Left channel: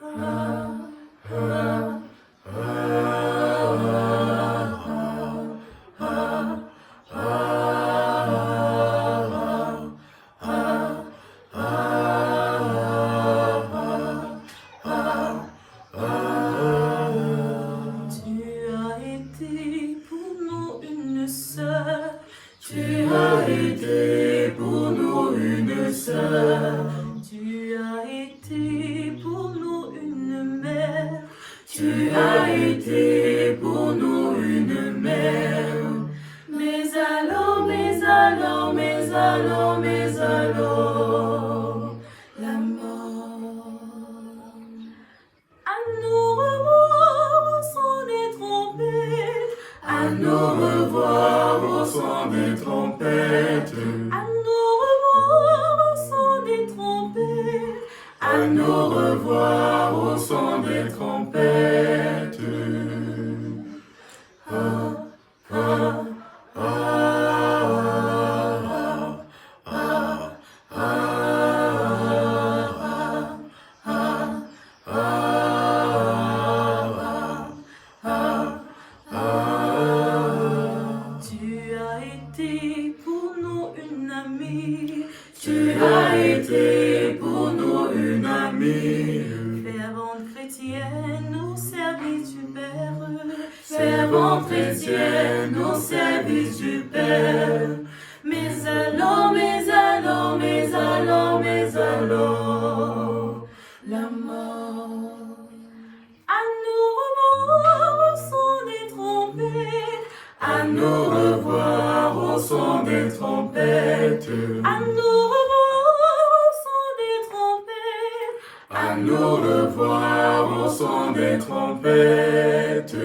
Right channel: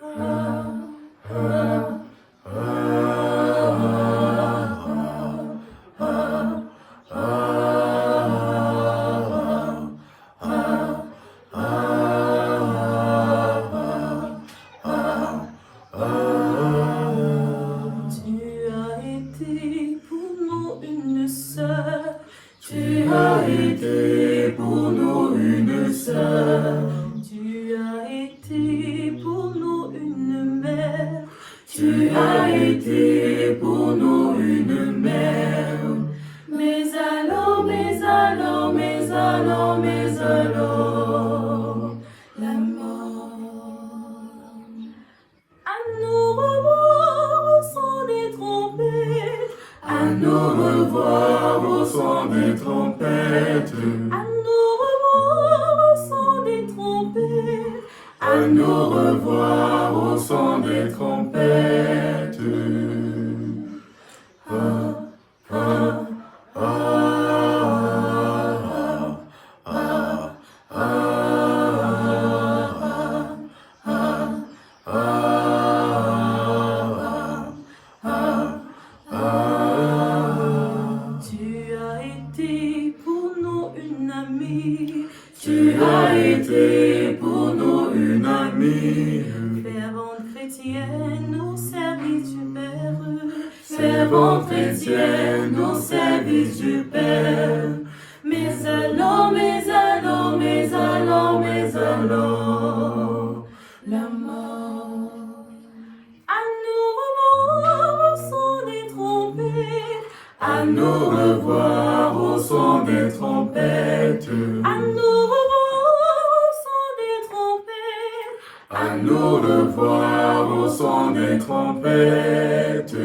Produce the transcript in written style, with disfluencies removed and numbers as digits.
Tu as été pour nous une sœur, tu as été pour nous une mère, tu as été pour nous une mère. Mais alors, la mort. À nous revoir au son des trompettes, à nous revoir au son des trompettes, à nous revoir au son des trompettes, à nous revoir au son des trompettes. Ah, ah, ah, ah, Tu as été pour nous une amie, tu as été pour nous une amie. Fervente chrétienne au service du Père, fervente chrétienne au service du Père. Mais alors, la mort. À nous revoir au son des trompettes, à nous revoir au son des trompettes, à nous revoir au son des trompettes, à nous revoir au son des trompettes.